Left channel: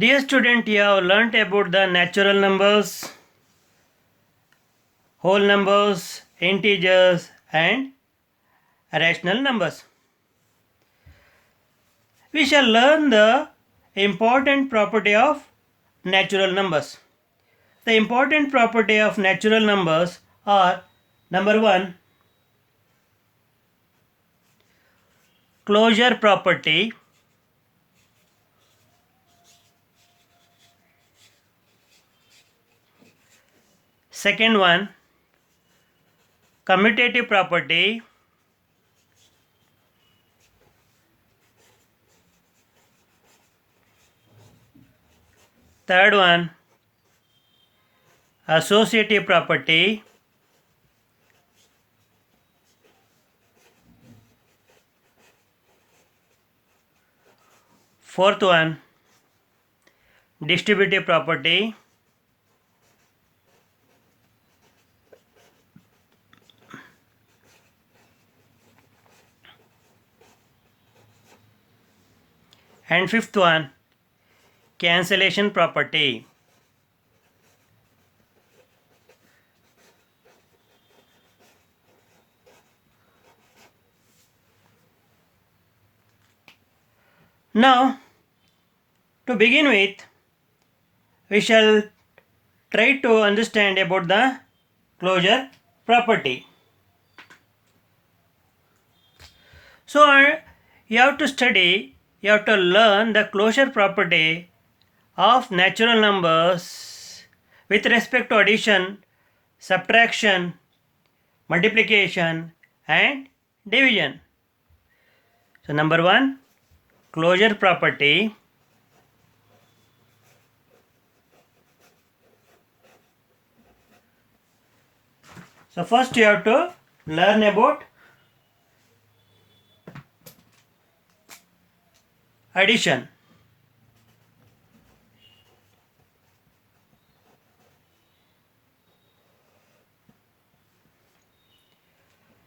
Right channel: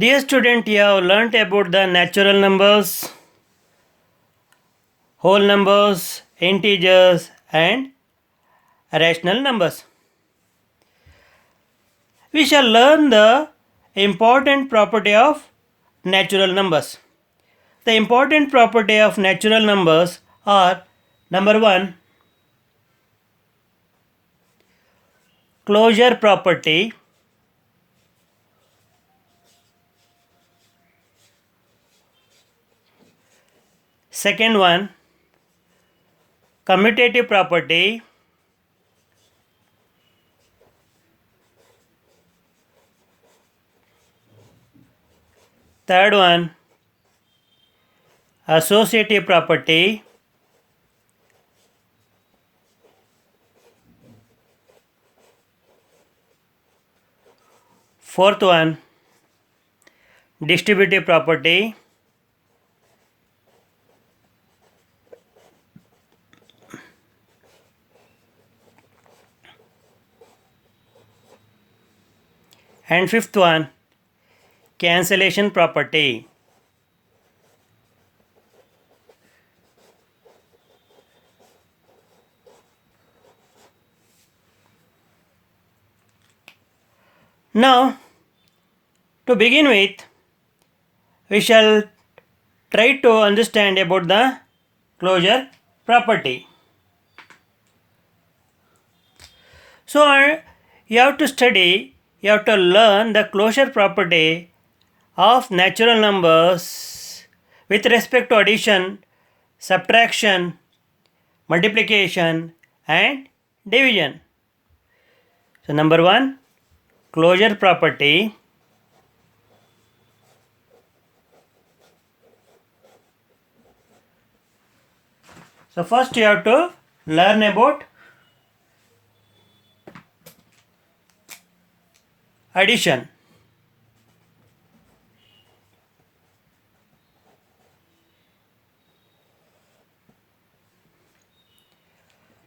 Dear student, you have learnt about the natural numbers, whole numbers, integers and rational numbers. We shall learn the important property of natural numbers. The important property of natural numbers are: number 1, closure property. Second one, commutative property. Third one, associative property. Fourth one, distributive property. And fifth one, cancellation property. Now, to begin with, we shall try to understand about the closure property. So, you have to learn the closure property of natural numbers with respect to addition, subtraction, multiplication and division. So, number 1, closure property. So, first you have to learn about addition.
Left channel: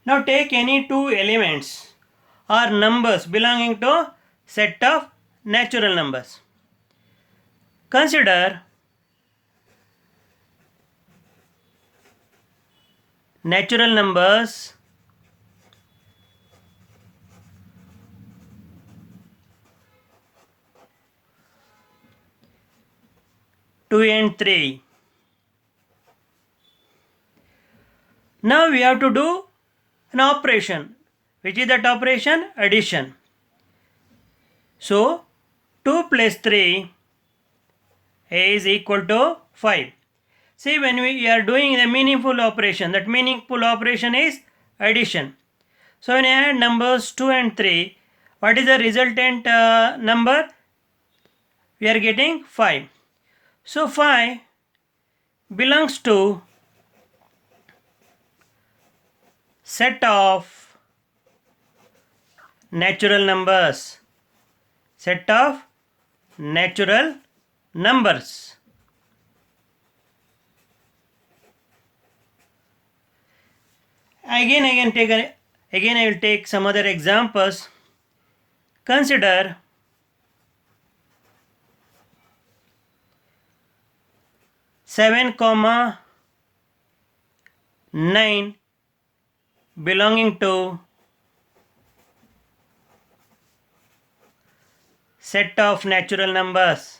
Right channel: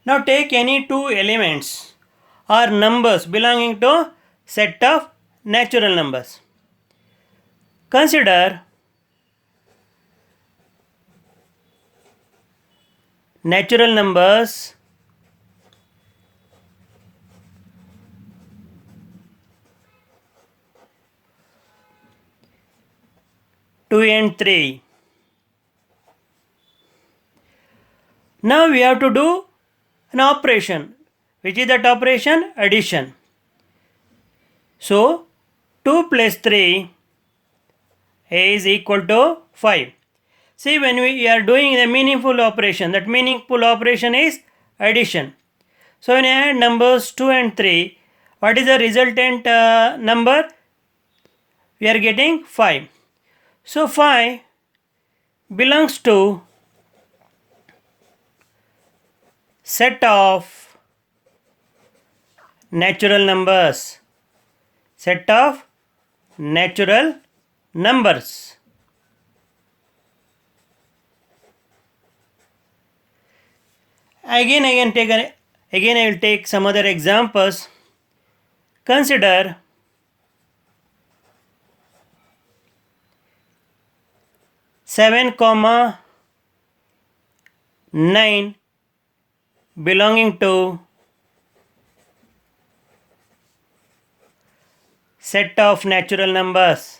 Now take any two elements or numbers belonging to set of natural numbers. Consider natural numbers two and 3. Now we have to do an operation. Which is that operation? Addition. So 2 plus 3 is equal to 5. See, when we are doing the meaningful operation, that meaningful operation is addition. So when I add numbers 2 and 3, what is the resultant number? We are getting 5. So 5 belongs to set of natural numbers. Set of natural numbers. Again I will take some other examples. Consider 7, 9 belonging to set of natural numbers.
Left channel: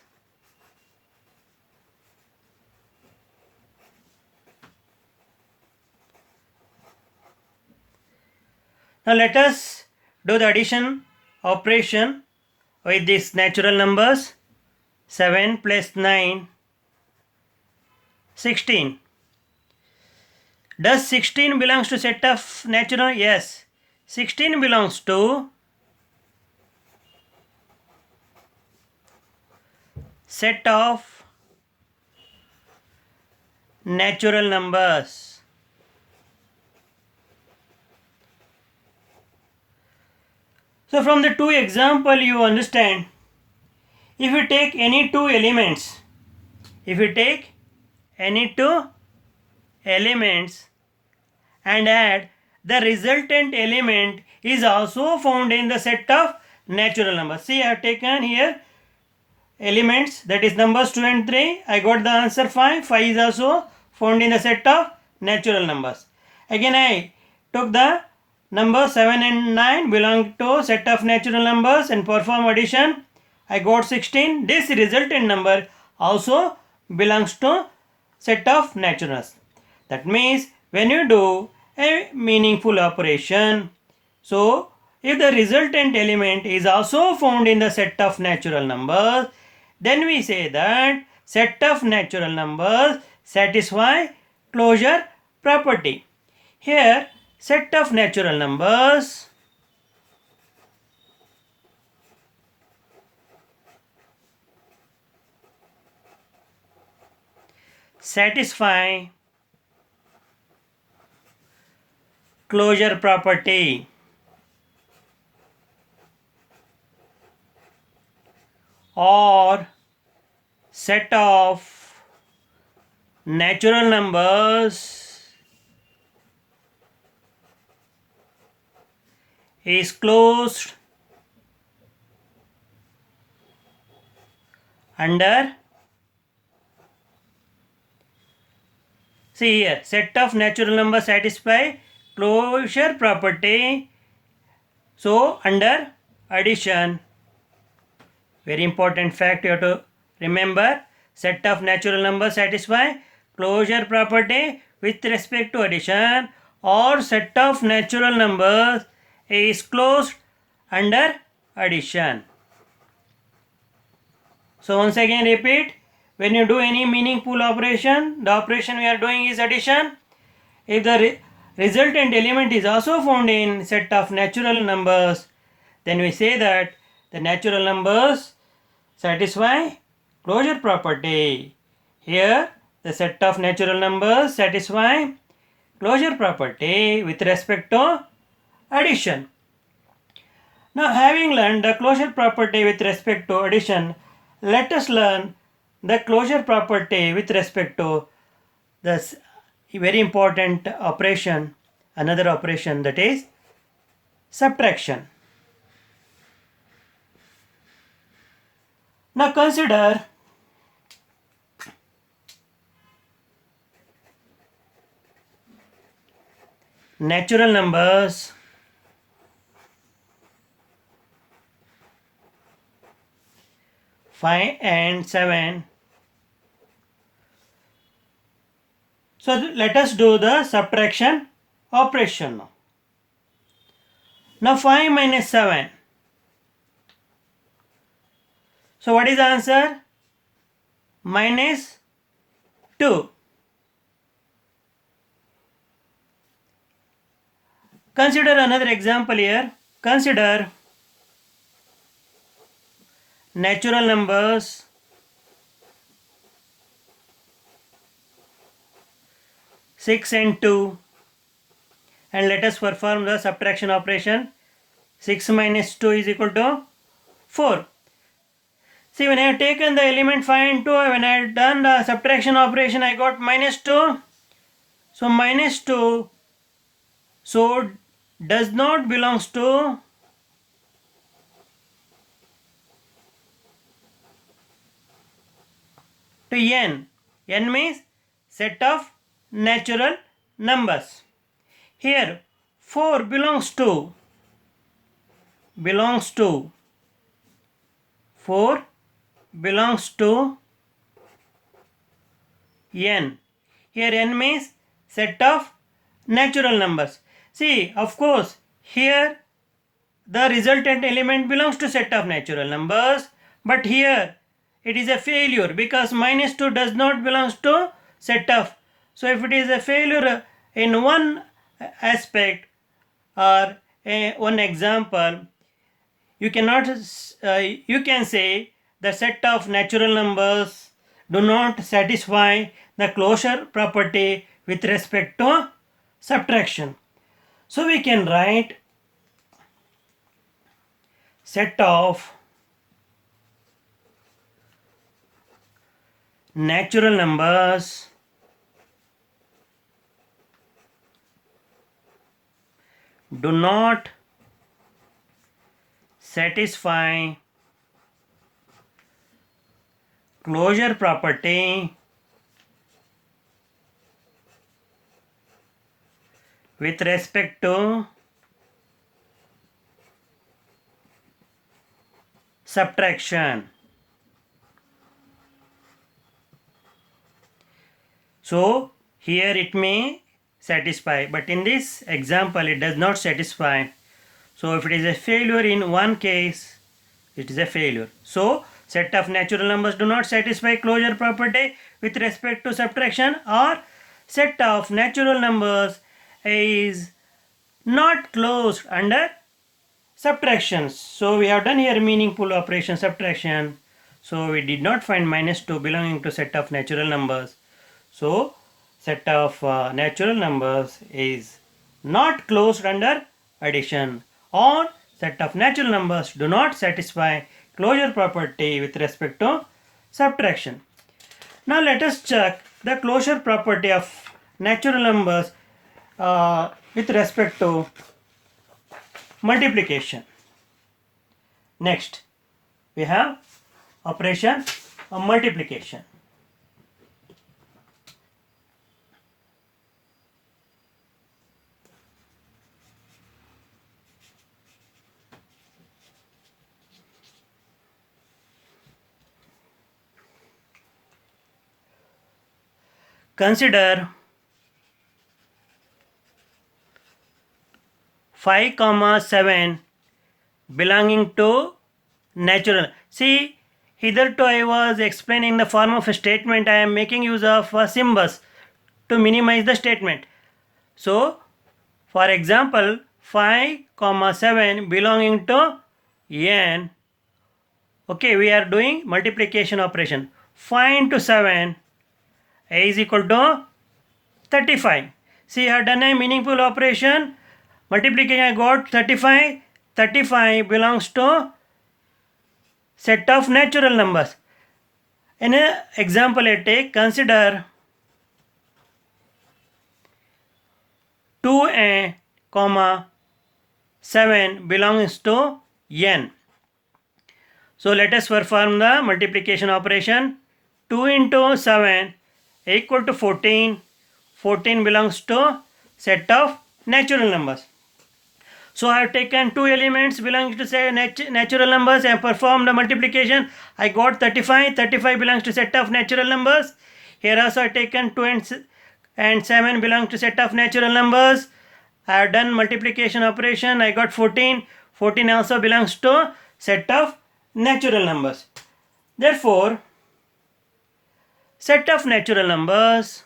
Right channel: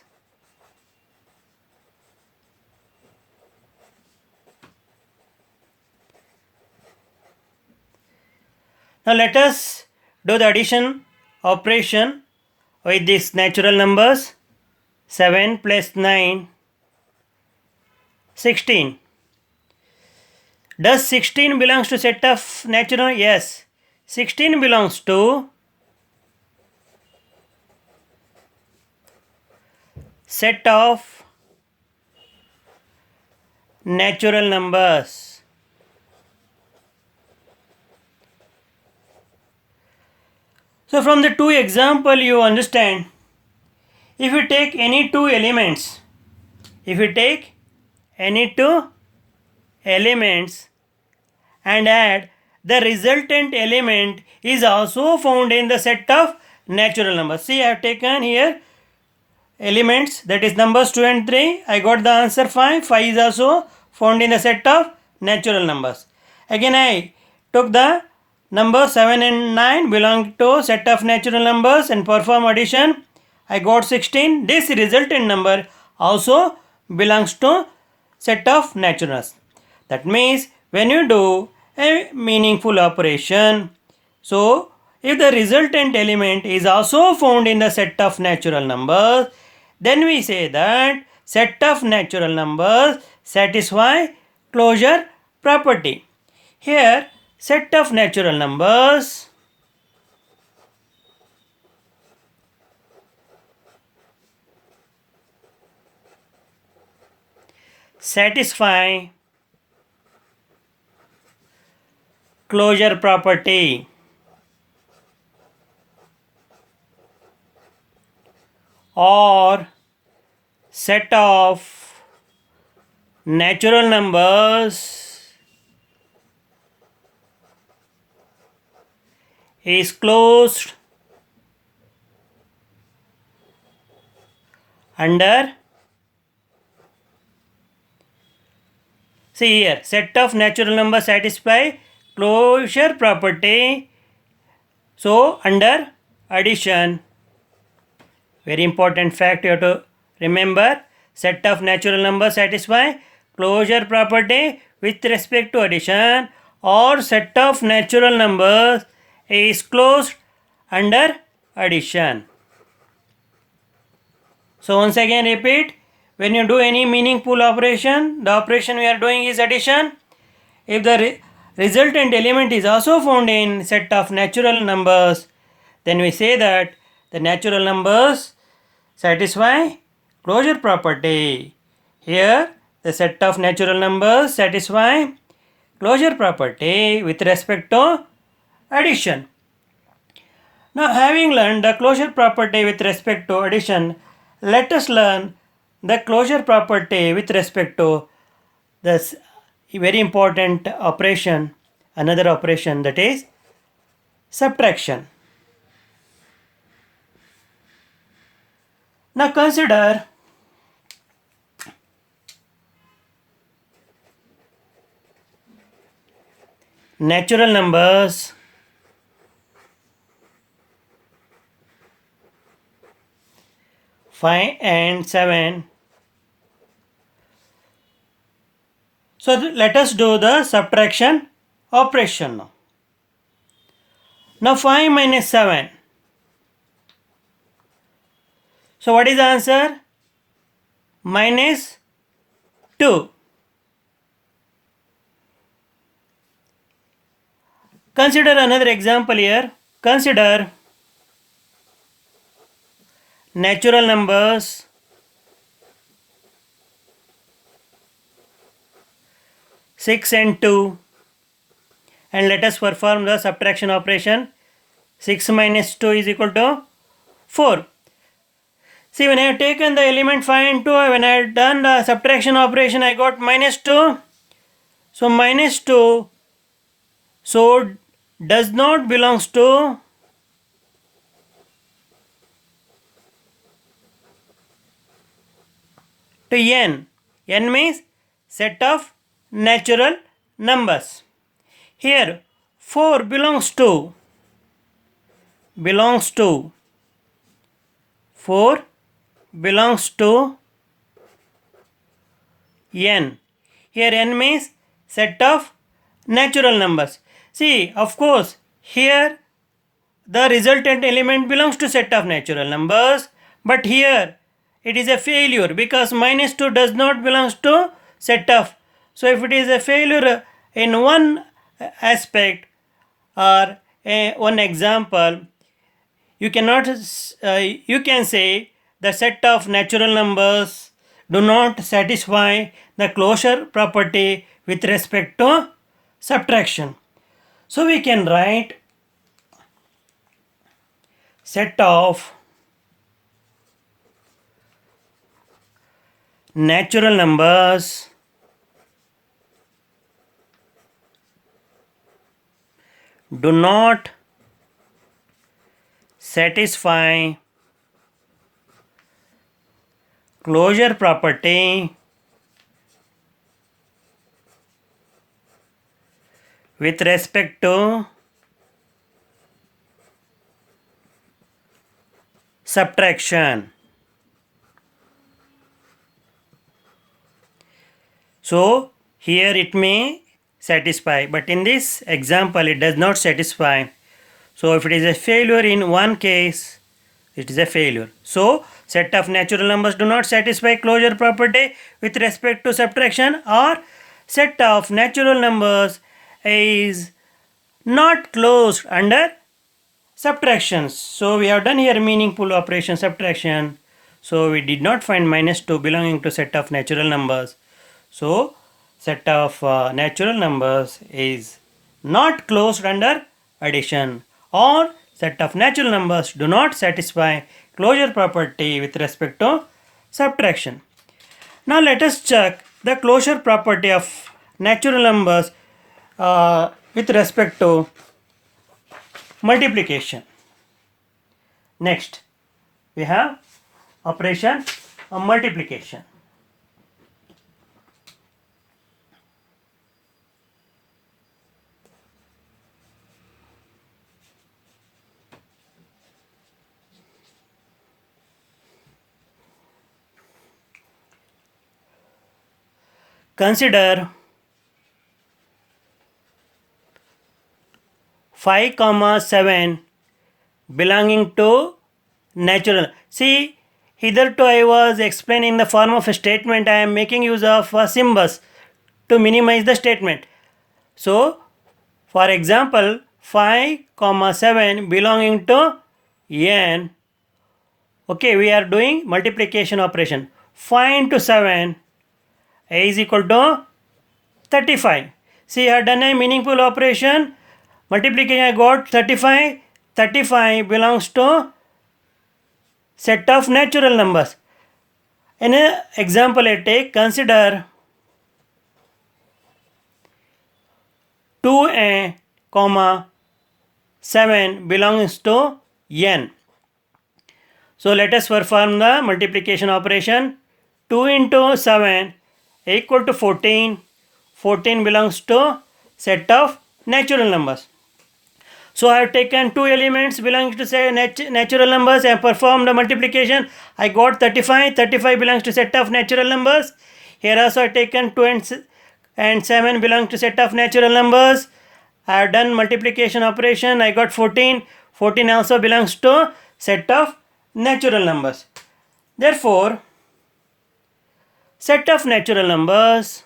Now let us do the addition operation with these natural numbers. 7 plus 9, 16. Does 16 belongs to set of natural? Yes. 16 belongs to set of natural numbers. So from the two example you understand, if you take any two elements and add, the resultant element is also found in the set of natural numbers. See, I have taken here elements, that is numbers 2 and 3, I got the answer 5. 5 is also found in the set of natural numbers. Again I took the numbers 7 and 9 belong to set of natural numbers and perform addition. I got 16. This resultant number also belongs to set of naturals. That means when you do a meaningful operation, so if the resultant element is also found in the set of natural numbers, then we say that set of natural numbers satisfy closure property. Here, set of natural numbers satisfy closure property. Or set of natural numbers is closed under, see here, set of natural numbers satisfy closure property, so under addition. Very important fact you have to remember, set of natural numbers satisfy closure property with respect to addition, or set of natural numbers is closed under addition. So once again repeat, when you do any meaningful operation, the operation we are doing is addition. If the resultant element is also found in set of natural numbers, then we say that the natural numbers satisfy closure property. Here the set of natural numbers satisfy closure property with respect to addition. Now, having learned the closure property with respect to addition, let us learn the closure property with respect to this very important operation, another operation, that is subtraction. Now consider natural numbers five and 7. So let us do the subtraction operation now. Now 5 minus 7. So what is the answer? Minus 2. Consider another example here. Consider natural numbers 6 and 2, and let us perform the subtraction operation. 6 minus 2 is equal to 4. See, when I have taken the element 5 and 2, when I have done the subtraction operation, I got minus 2. So minus 2, so does not belongs to n. N means set of natural numbers. Here 4 belongs to 4 belongs to n. Here n means set of natural numbers. See, of course, here the resultant element belongs to set of natural numbers, but here it is a failure because minus 2 does not belongs to set of. So if it is a failure in one aspect or one example, you cannot you can say the set of natural numbers do not satisfy the closure property with respect to subtraction. So we can write set of natural numbers do not satisfy closure property with respect to subtraction. So here it may satisfy, but in this example it does not satisfy. So if it is a failure in one case, it is a failure. So set of natural numbers do not satisfy closure property with respect to subtraction, or set of natural numbers is not closed under subtractions. So we have done here meaningful operation subtraction. So we did not find -2 belonging to set of natural numbers. So set of natural numbers is not closed under addition, or set of natural numbers do not satisfy closure property with respect to subtraction. Now let us check the closure property of natural numbers with respect to multiplication. Next, we have operation of multiplication. Consider 5, 7 belonging to natural. See, hitherto I was explaining the form of a statement. I am making use of symbols to minimize the statement. So, for example, 5, 7 belonging to n. Okay, we are doing multiplication operation. 5 into 7 is equal to 35. See, I have done a meaningful operation. Multiplication, I got 35. 35 belongs to set of natural numbers. In an example I take, consider 2n, 7 belongs to n. So let us perform the multiplication operation. 2 into 7 equal to 14. 14 belongs to set of natural numbers. So I have taken two elements belonging to say natural numbers and performed the multiplication. I got 35. 35 belongs to set of natural numbers. Here also I have taken 2 and 7 belong to set of natural numbers. I have done multiplication operation. I got 14. 14 also belongs to set of natural numbers. Therefore, set of natural numbers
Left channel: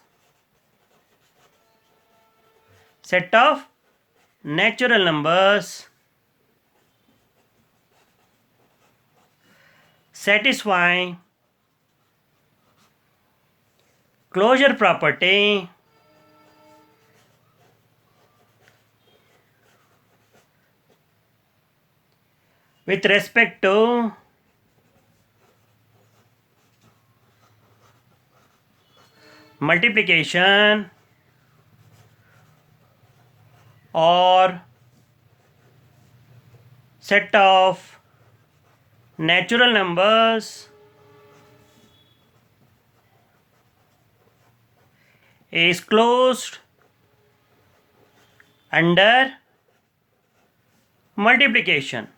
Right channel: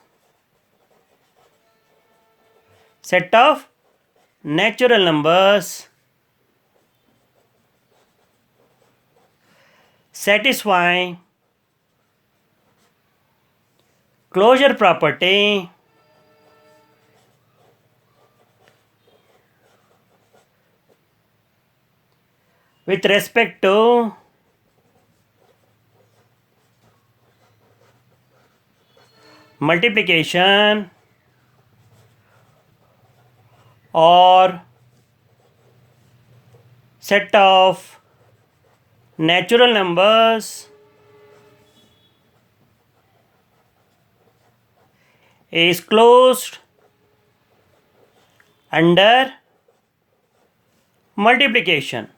satisfy closure property with respect to multiplication or set of natural numbers is closed under multiplication.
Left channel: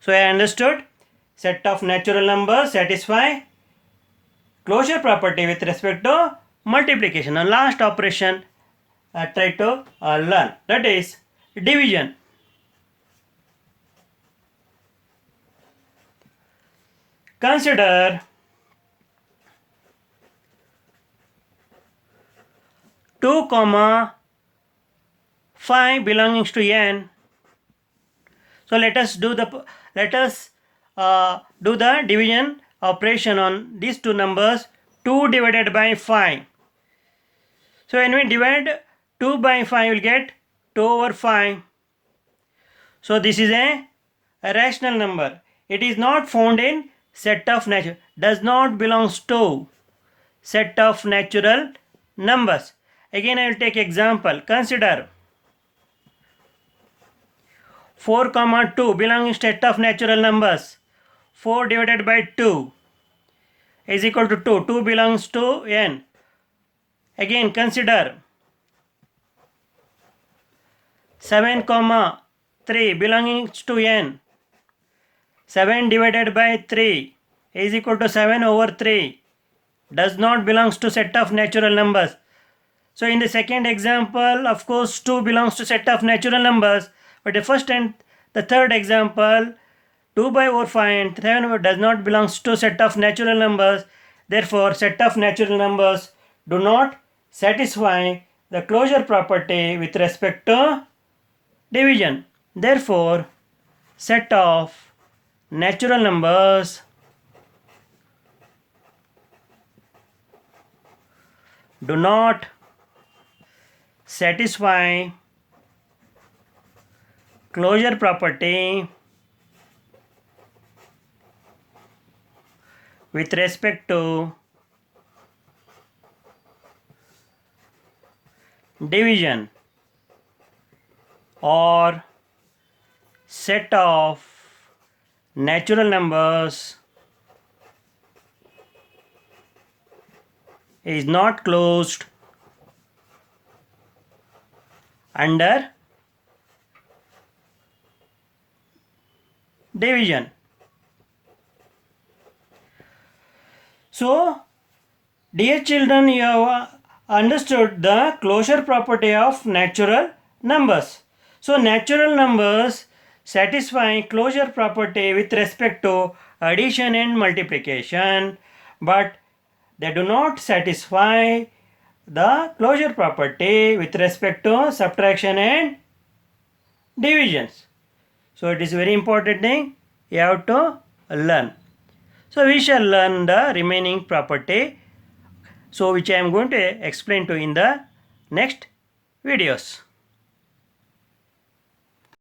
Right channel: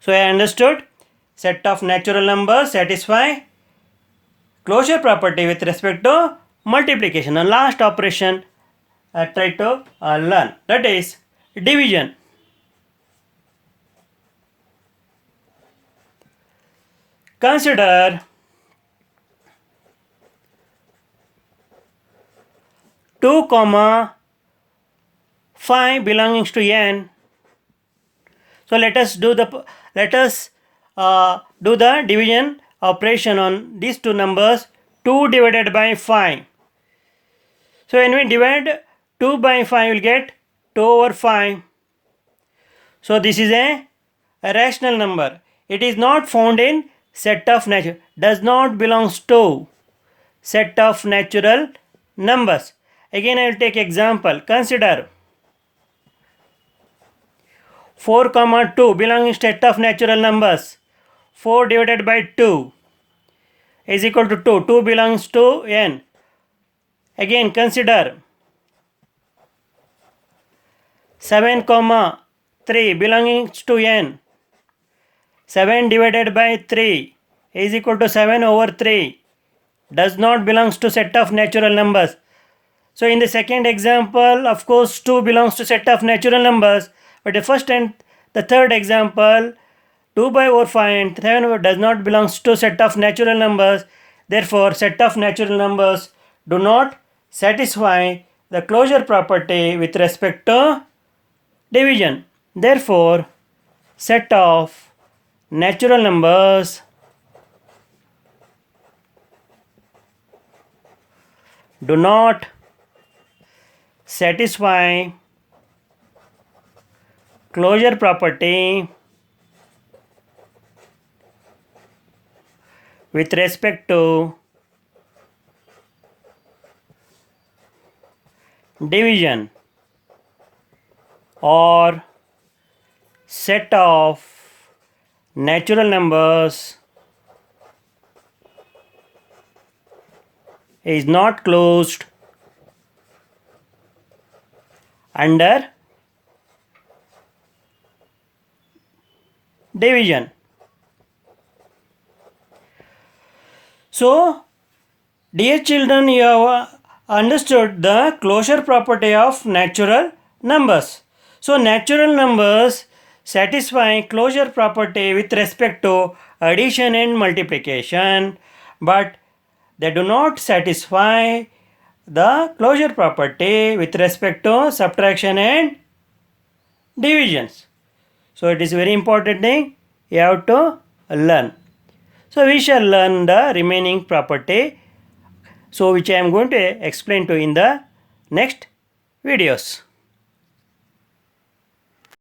So I understood set of natural numbers satisfy closure property with respect to multiplication. And last operation I try to learn, that is division. Consider 2, 5 belongings to n. So let us do the division operation on these two numbers. 2 divided by 5. So when we divide 2 by 5, we will get 2 over 5. So this is a rational number. It is not found in set of natural, does not belongs to set of natural numbers. Again I will take example. Consider 4, 2 belongs to set of natural numbers. 4 divided by 2 is equal to 2. 2 belongs to n. Again consider 7 comma 3 belongs to n. 7 divided by 3 is equal to 7 over 3 does not belongs to set of natural numbers. So in the second example, of course, 2 belongs to set of natural numbers, but the first and the third example, 2 by over 5 and 7 does not belongs to set of natural numbers. Therefore, set of natural numbers do not satisfy the closure property with respect to division. Therefore, set of natural numbers do not satisfy closure property with respect to division, or set of natural numbers is not closed under division. So, dear children, you have understood the closure property of natural numbers. So, natural numbers satisfy closure property with respect to addition and multiplication, but they do not satisfy the closure property with respect to subtraction and divisions. So it is very important thing you have to learn. So we shall learn the remaining property, so which I am going to explain to in the next videos.